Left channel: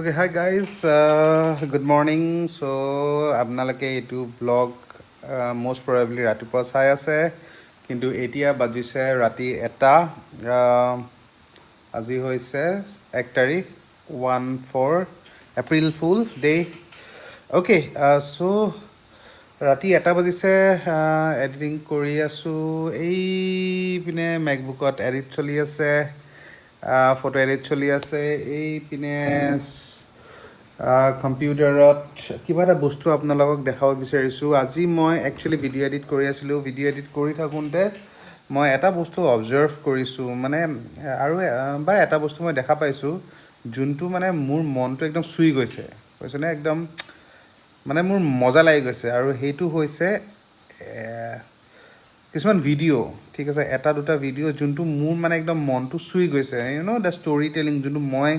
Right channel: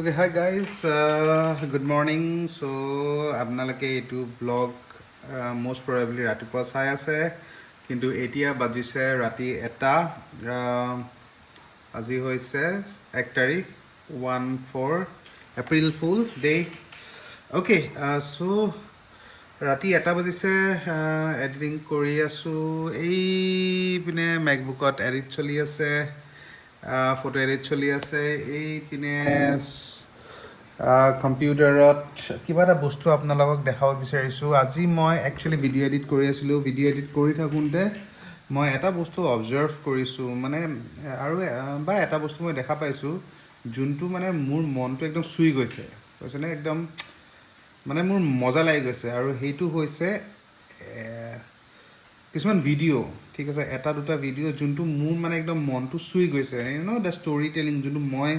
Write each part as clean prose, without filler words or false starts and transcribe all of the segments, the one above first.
Okay, hi guys. Good morning. So, আপোনালোকে এইটো blog most probably ৰাতিপুৱা চাই আছে, কিন্তু এতিয়া বাজিছে ৰাতি 1টা। আজি হৈছে 1 তাৰিখ 14 এপ্ৰিল ফুল ডে। অ'কে, চ' ৰাতি 1টা বাজিছে। এডিটিং কৰি আছোঁ। এইপিনে মেকবুকত এডিট চলি আছে, ফটো এডিট চলি আছে। এইপিনে কম্পিউটাৰত কিবা এটা বস্তু আপোনালোকক দেখাব বিচাৰিছোঁ। আজি মই একচুৱেলি ভিডিঅ' এডিট কৰি আছিলোঁ। ভিডিঅ' এডিট কৰি থাকোঁতে মই এটা বস্তু অবজাৰ্ভ কৰিছোঁ, মানে আৰু বা এটা বস্তু মই দেখা পাইছোঁ, যোনটো মানে মোৰ মনটো একদম চুই গৈছে, কৈছেনে, একদম মানে মোৰ মজা লাগি গৈছে। আৰু সেইটো হৈছে কিছুমান ভিডিঅ', ঠিক আছে, এটা দুটা ভিডিঅ' যোনটো মোৰ মানে একদম মনটো চুই গৈছে, দ্য ষ্টৰি টেলিং, যোনটো মই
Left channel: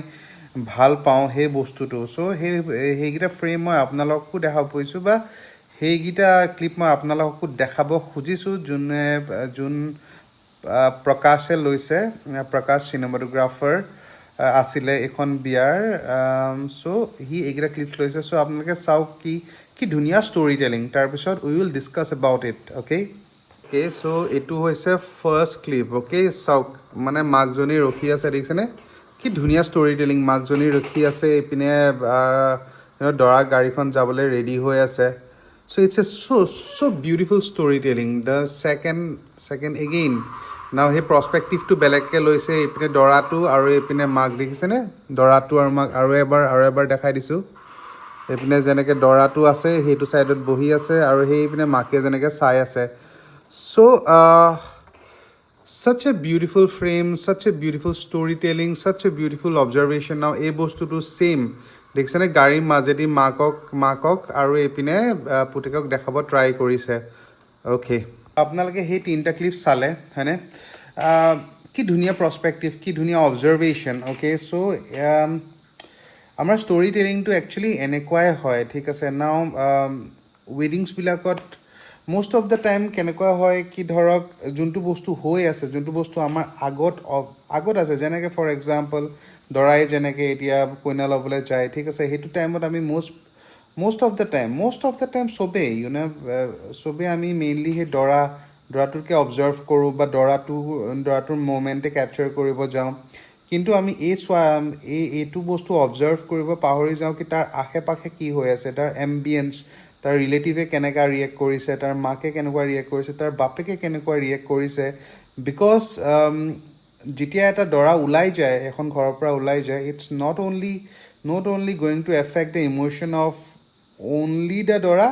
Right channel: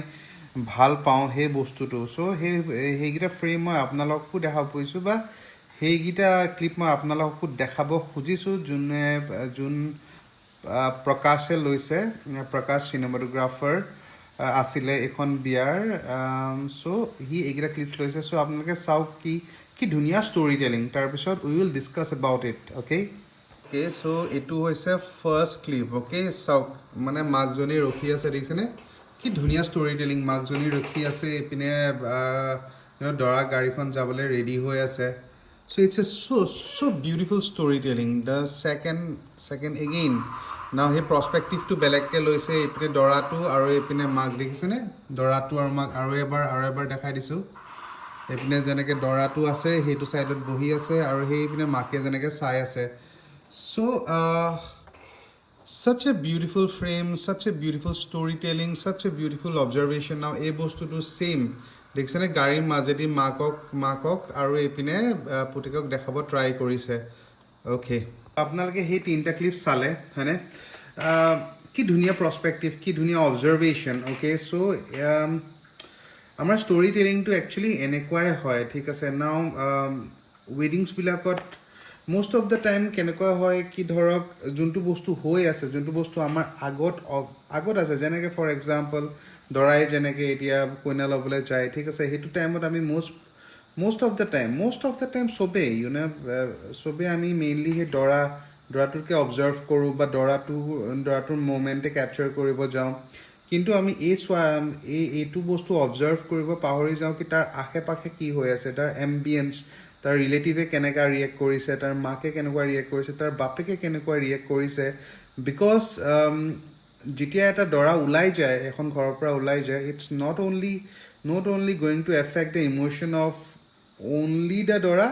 ভাল পাওঁ সেই বস্তুটো। চ' সেইকেইটা ফ্ৰেম মই আপোনালোককো দেখাব পাৰিছোঁ, বা সেইকেইটা ক্লিপ মই আপোনালোককো দেখাব খুজিছোঁ, যোন প্ৰকাশে লৈছে। প্ৰকাশ চিনেমাটোগ্ৰাফাৰ আছিলে এইখন বিয়াৰ। চ' সি এইকেইটা ক্লিপছ লৈছে। চ' আপোনালোকে চাওক কি ধুনীয়া ষ্টৰি টেলিং। তাৰপিছত we will discuss about it. Okay, so' এইটো হৈছে ফাৰ্ষ্ট ক্লিপ। অ'কে, চাওক, মানে মাকজনী ৰখি আছে, দেখিছেনে? কি ধুনীয়া ষ্টৰি টেলিং। মাকজনী ৰখি আছে, এইপিনে দৰা গাড়ীখন যাবলৈ ৰেডি হৈ আছে। So' it's a so' beautiful story telling. The second again now সেই প্ৰস্পেক্টিভটো বেলেগকৈ লৈছে। এইপিনে দৰাটো আৰু এইপিনে মাক, দেখিছেনে? দৰাটো আৰু মাক আৰু এবাৰ দেখাই দিছোঁ। এইপিনে যেনেকৈ দৰাটো আছে সেইটো ছাইডত বহি আছে, আৰু সেইপিনে মাকে যেনেকৈ চাই আছে। চ' such a beautiful frame, such a beautiful storytelling, such a beautiful observation. Now এই বস্তুটো ছেইম দেখিছেনে? গাড়ীৰ মাজেদি মাকক আৰু এইপিনে পুতেকক দেখাব ট্ৰাই কৰিছে। অ'কে, আপোনালোকে সেই 3টা ক্লিপ চালে, হয়নে? কি ধুনীয়া প্ৰস্পেক্টিভ, কি ধুনীয়া অবজাৰভেশ্যন। অ'কে, চ' আমাৰ ষ্টৰি টেলিংটো একচুৱেলি এনেকুৱাই হয়, ঠিক আছে। নাও ৱেডিংছবিলাকত most of the time কেনেকুৱা হয়, কি ধৰক যোনটো বস্তু হৈ আছে, যোনটো বস্তু আমাৰ আগত আছে, যেনেকৈ ফৰ এক্সাম্পল দৰাই যেনেকৈ এতিয়া কইনা ল'বলৈ যায়, ঠিক আছে, সেইটো টাইমত আমি most of the time চবেই আমি মেইনলি সেই দৰাটোকে অবজাৰ্ভ কৰোঁ, বা দৰাটোৰ মোমেণ্টে কেপচাৰ কৰিব যাওঁ। কিন্তু আমি এইটো বস্তু অবজাৰ্ভ কৰিব পাহৰি যাওঁ কি তাৰ আশে পাশে কি হৈ আছে, তাৰ এম্বিয়েঞ্চ, তাৰ ৰিলেটিভে কেনেকুৱা ৰিয়েক্ট কৰিছে, তাৰ মাকে কেনেকুৱা ৰিয়েক্ট কৰিছে, তাৰ বাপেকে কেনেকুৱা ৰিয়েক্ট কৰিছে। বিকজ যেতিয়া এটা দৰা ওলাই যায়, এখন ঘৰৰ পৰা ওলাই যায়, it's not only going to affect the emotion of only the দৰা,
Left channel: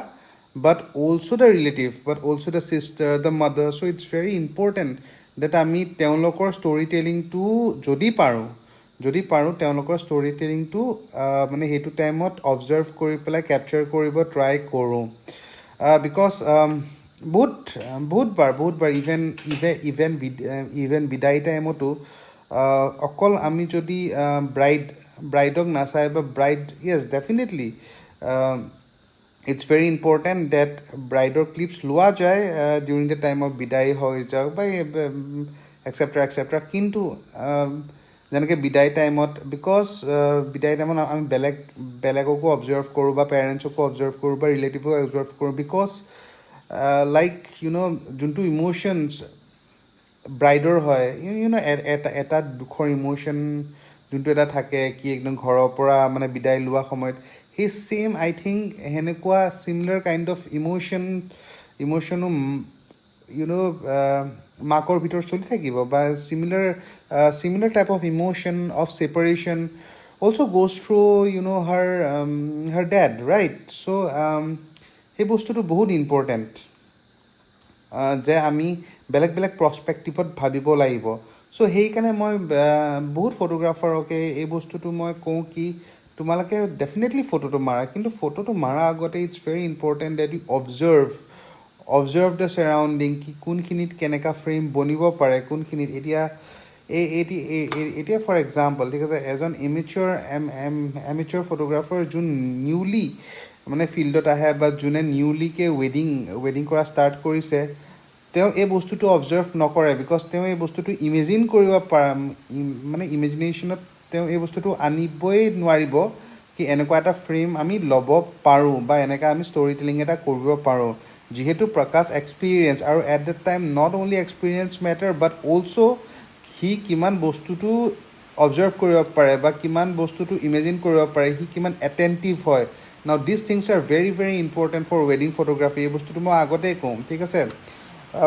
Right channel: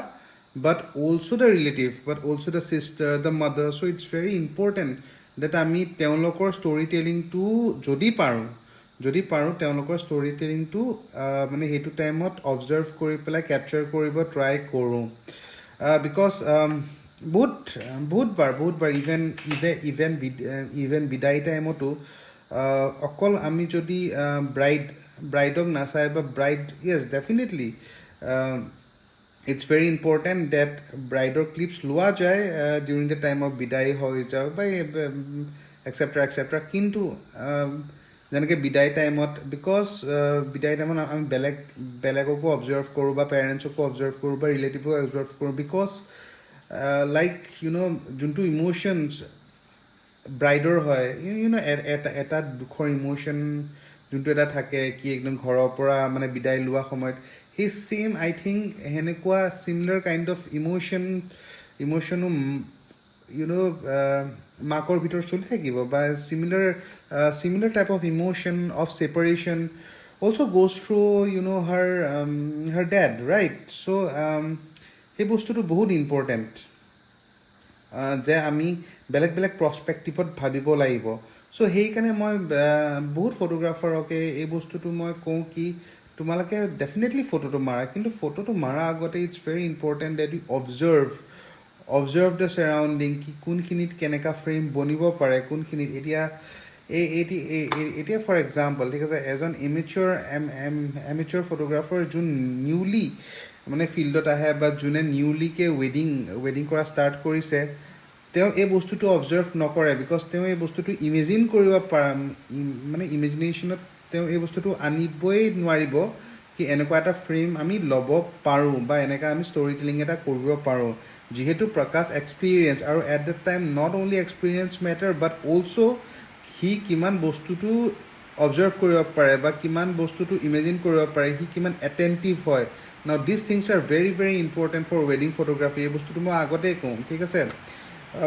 but also the relative, but also the sister, the mother. So it's very important that আমি তেওঁলোকৰ ষ্টৰি টেলিংটো যদি পাৰোঁ তেওঁলোকৰ ষ্টৰি টেলিংটো মানে সেইটো টাইমত অবজাৰ্ভ কৰি পেলাই কেপচাৰ কৰিব ট্ৰাই কৰোঁ। বিকজ বহুতবাৰ ইভেন বিদায় টাইমতো অকল আমি যদি ব্ৰাইডক নাচাই, বা yes definitely it's very important that ব্ৰাইডৰ ক্লিপছ লোৱা যায় ডিউৰিং দ্য টাইম অফ বিদায় হৈ যাওক, বা এক্সেট্ৰা। কিন্তু যেনেকৈ বিদায় টাইমত, বিকজ বিদায় টাইমত আমি বেলেগকো অবজাৰ্ভ কৰোঁ, বা পেৰেণ্টছকো অবজাৰ্ভ কৰোঁ, বা ৰিলেটিভকো অবজাৰ্ভ কৰোঁ। বিকজ যোনটো ইম'শ্যনছ ব্ৰাইডৰ হয়, এটা দুখৰ ইম'শ্যন যোনটো এটা থাকে, কি একদম ঘৰৰ পৰা মানে বিদায় লোৱা সময়ত, সেই ছেইম আই থিংক সেনেকুৱা চিমিলাৰ কাইণ্ড অফ ইম'শ্যনো মাকৰ ভিতৰত চলি থাকিব, বা similar type of emotion of separation also' goes through her dad, right? So' সেই বস্তুটো বহুত ইম্পৰ্টেণ্ট যে আমি বেলেগ প্ৰস্পেক্টিভত ভাবিব লাগিব। চ' সেইকাৰণে মই বহুত ফটোগ্ৰাফাৰকে এই বস্তুটো মই কওঁ কি তোমালোকে ডেফিনেটলি ফটোটো মাৰা, কিন্তু ফটোটো মাৰা আগতে it's very important that you observe the surrounding, কি কোনখিনিত কেনেকুৱা ফ্ৰেম বনিব পাৰে, কোনখিনিত এতিয়া ফৰ এক্সাম্পল, ঠিক আছে, এজন এমেচ্যৰ ফটোগ্ৰাফাৰ যোন নিউলি মানে ফিল্ডত আহে, বা যোনে নিউলিকে ৱেডিং কৰা ষ্টাৰ্ট কৰিছে, তেওঁ এই বস্তুটো অবজাৰ্ভ নকৰে। বিকজ তেওঁ এই বস্তুটো ইমেজিন কৰিব মানে ইমেজিনেশ্যনত তেওঁ এই বস্তুটো আনিবই নোৱাৰিব কি এনেকুৱা এটা ফ্ৰেম আমি ল'ব পাৰোঁ বা এনেকুৱা আমি ষ্টৰি টেলিং এটা কৰিব পাৰোঁ যিহেতু প্ৰকাশ এক্সপিৰিয়েঞ্চ আৰু at the time not only experience matter but also' সি কিমান বস্তুটো অবজাৰ্ভ কৰিব পাৰে বা কিমান বস্তুটো ইমেজিন কৰিব পাৰে সি কিমান এটেণ্টিভ হয় now this things are very very important for ৱেডিং ফটোগ্ৰাফী এই বস্তুটো মই আগতেই কওঁ ঠিক আছে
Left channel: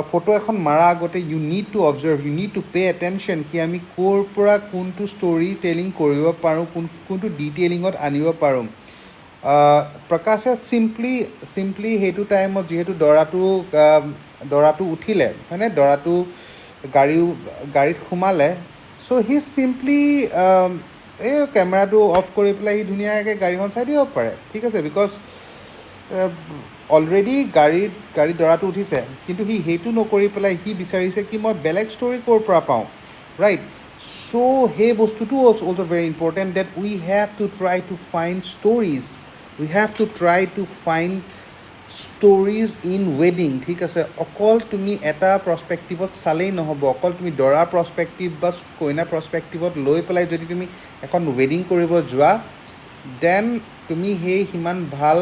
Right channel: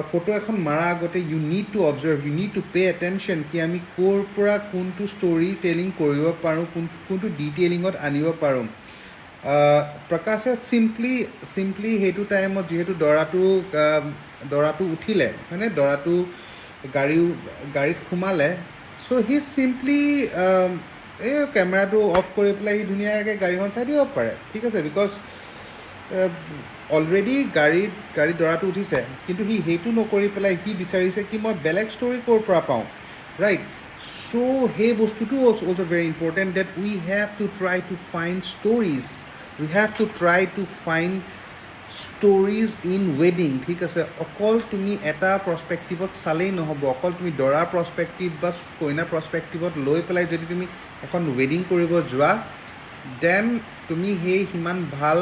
ফটো এখন মাৰা আগতে you need to observe you need to pay' attention কি আমি ক'ৰ পৰা কোনটো ষ্টৰি টেলিং কৰিব পাৰোঁ কোনটো ডিটেইলিঙত আনিব পাৰোঁ প্ৰকাশে চিম্পলি সেইটো টাইমত যিহেতু দৰাটো উঠিলে হয়নে দৰাটো গাড়ীত সোমালে চ' সি চিম্পলি এই কেমেৰাটো অফ কৰি পেলাই সি ধুনীয়াকৈ গাড়ীখন চাই দিব পাৰে ঠিক আছে বিকজ অলৰেডি গাড়ীত দৰাটো উঠিছে কিন্তু সি সেইটো নকৰি পেলাই সি বিচাৰিছে কি মই বেলেগ ষ্টৰি ক'ৰ পৰা পাওঁ ৰাইট চ' সেই বস্তুটো also' very important date we have to try to find stories we have to try to find stories in ৱেডিং ঠিক আছে অকল তুমি এটা প্ৰস্পেক্টিভত চালেই নহ'ব অকল তুমি দৰাৰ প্ৰস্পেক্টিভ বা কইনাৰ প্ৰস্পেক্টিভত লৈ পেলাই যদি তুমি এখন ৱেডিং কৰিব যোৱা দেন তুমি সেই সিমান ভাল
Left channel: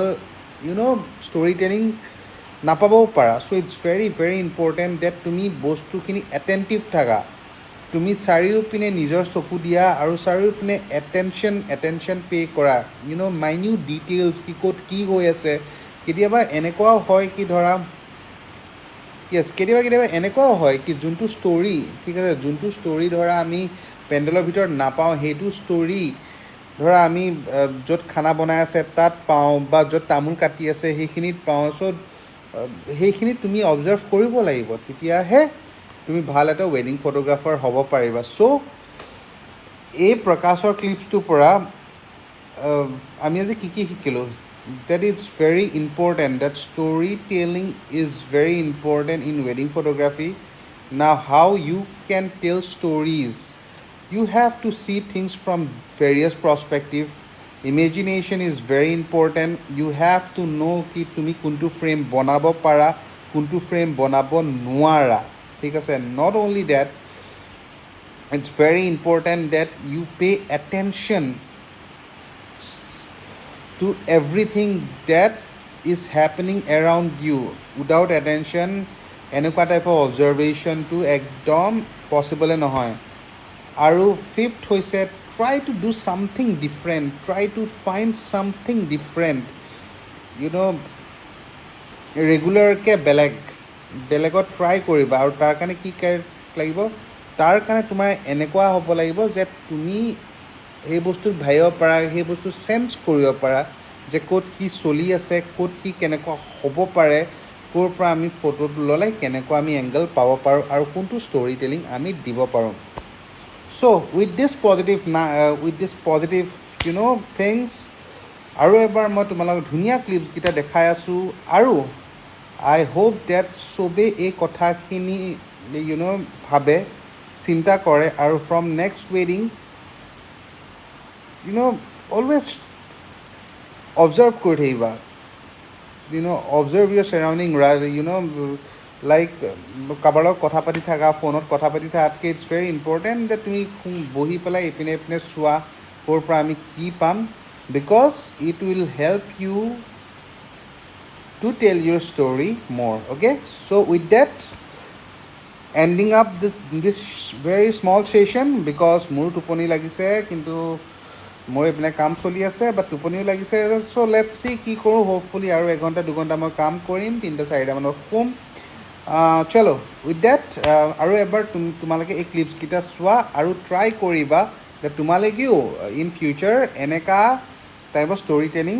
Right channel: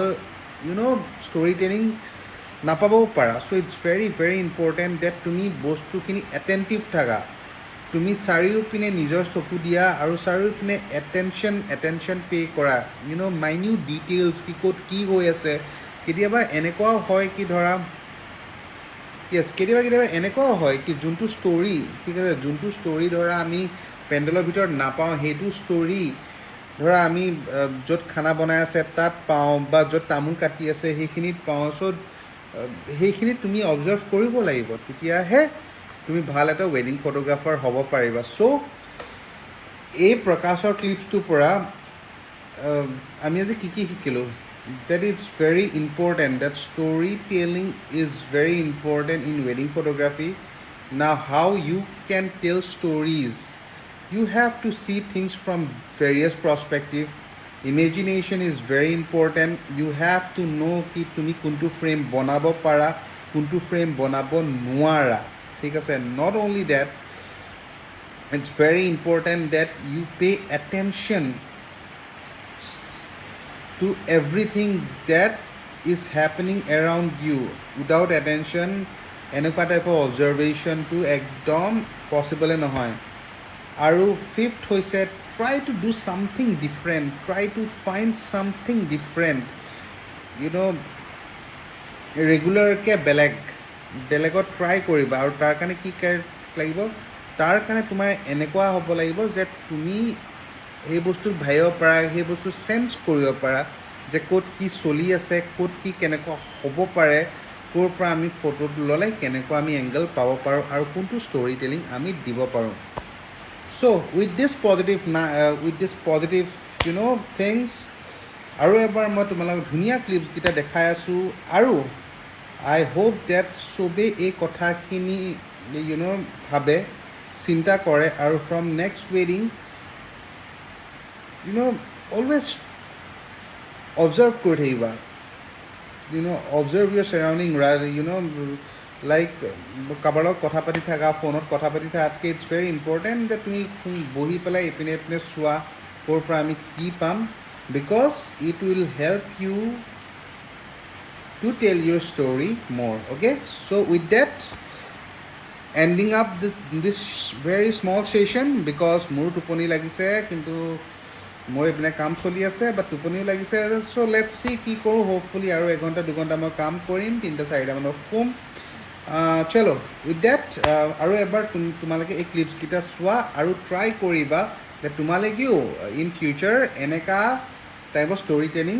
ষ্টৰি টেলিং নাপাবও পাৰা so' it's very very important that তুমি বস্তুখিনি এটেণ্টিভ থাকা তুমি চাৰিওপিনে নিজৰ চকু দিয়া আৰু চাৰিওপিনে এটেনশ্যন পে' কৰা মাইনিউট ডিটেইলছ কি ক'ত কি হৈ আছে কেতিয়াবা এনেকুৱাও হয় কি ধৰা কেতিয়াবা এনেকুৱাও হয় কি যোনটো ষ্টৰি ঠিক আছে যোনটো ষ্টৰি ধৰা আমি পেণ্ডেলৰ ভিতৰত নাপাওঁ সেইটো ষ্টৰি ধৰা আমি য'ত খানা বনাই আছে তাত পাওঁ বা য'ত তামোল কাটি আছে সেইখিনিত পাওঁ চ' সেইখিনি তুমি অবজাৰ্ভ কৰিব লাগিব তেতিয়াহে তুমি ভাল এটা ৱেডিং ফটোগ্ৰাফাৰ হ'ব পাৰিবা চ' এই প্ৰকাশৰ ক্লিপছটোৰ পৰা আমি আজি কি শিকিলোঁ that it's very important that storytelling is very important in wedding photography now how you can tell stories you have to see things from various perspectives imagination is very important you have to know ki tumi kuntu frame banabo para kuntu frame banabo nuara thik ase not only that it's very important that you pay attention to everything that is happening around you without attention এনেকুৱা টাইপৰ অবজাৰ্ভেশ্যনটো একদম পচিবলে নহয় আৰু fifth হৈছে try to do something different try to find something different ৰেগুলাৰকৈ বেলেগত try কৰিবা আৰু তাৰ কাৰণে কি লাগিব তাৰ কাৰণে তোমাৰ এনেকুৱা হ'ব লাগিব যে তুমি সেই বস্তুত ভাবিব পাৰা সেই বস্তু চেঞ্জ কৰিব পাৰা যে ক'ত কি চলি আছে ক'ত কি কেনেকুৱা হ'ব পাৰে ক'ৰ পৰা আমি ফটোটো ল'লে কেনেকুৱা আমি এংগল পাব পাৰোঁ আৰু কোনটো ষ্টৰি টেলিং আমি দিব পাৰোঁ চ' উইথ দিছ পজিটিভ থিংছ আৰু এবাৰ মই তোমালোকক ধুনীয়া ক্লিপছকেইটা দেখাই আছোঁ আৰু আই হোপ ডেট চবেই এই কথাখিনি ভাবে চিন্তা কৰে আৰু ফ্ৰম নেক্সট ৱেডিং always observe কৰি থাকিবা observe your surrounding like কাৰোবাৰ লগত কথা পাতি থাকা ফোনত কথা পাতি থাকাতকৈ ইটছ ভেৰি ইম্পৰ্টেণ্ট যে তুমি বহি পেলাই ইপিনে চোৱা ক'ৰ পৰা আমি কি পাম because it will help you to tell your story মোৰ okay so' with that ending up this very small session because মোৰ টোপনি লাগিছে কিন্তু মোৰ এইপিনে কাম চলি আছে বা টোপনিও লাগিছে চ' লেটছ চি কি কৰোঁ হোপফুলি আৰু 1 ঘণ্টা 2 ঘণ্টা মই কাম কৰিম 3-4 মানত শুম চলো উইথ ডেট আৰু এবাৰ তোমালোকে এই ক্লিপছকেইটা চোৱা আৰু ট্ৰাই কৰিবা যে তোমালোকেও ইন ফিউচাৰ এনেকুৱা টাইপৰ ষ্টৰি টেলিং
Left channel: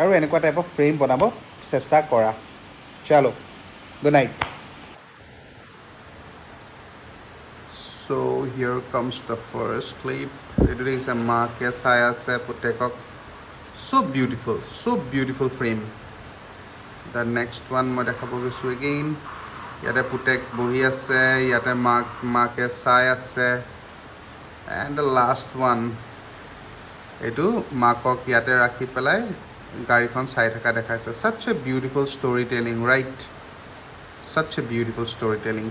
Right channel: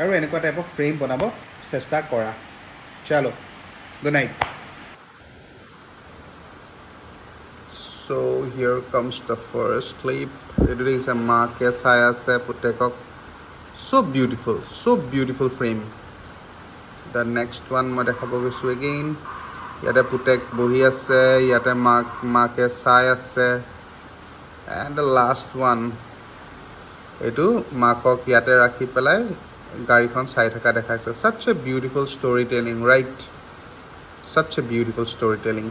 আৰু এনেকুৱা টাইপৰ ফ্ৰেম বনাব চেষ্টা কৰা চলো good night So here comes the first clip. It is a maake saya se putekok. So beautiful frame. The next one মই দেখাব গৈছোঁ again. ইয়াতে পুতেক বহি আছে, ইয়াতে মাকে চাই আছে. And the last one. এইটো মাকক ইয়াতে ৰাখি পেলাই গাড়ীখন চাই থকা দেখাইছে. Such a beautiful storytelling, right? Such a beautiful storytelling.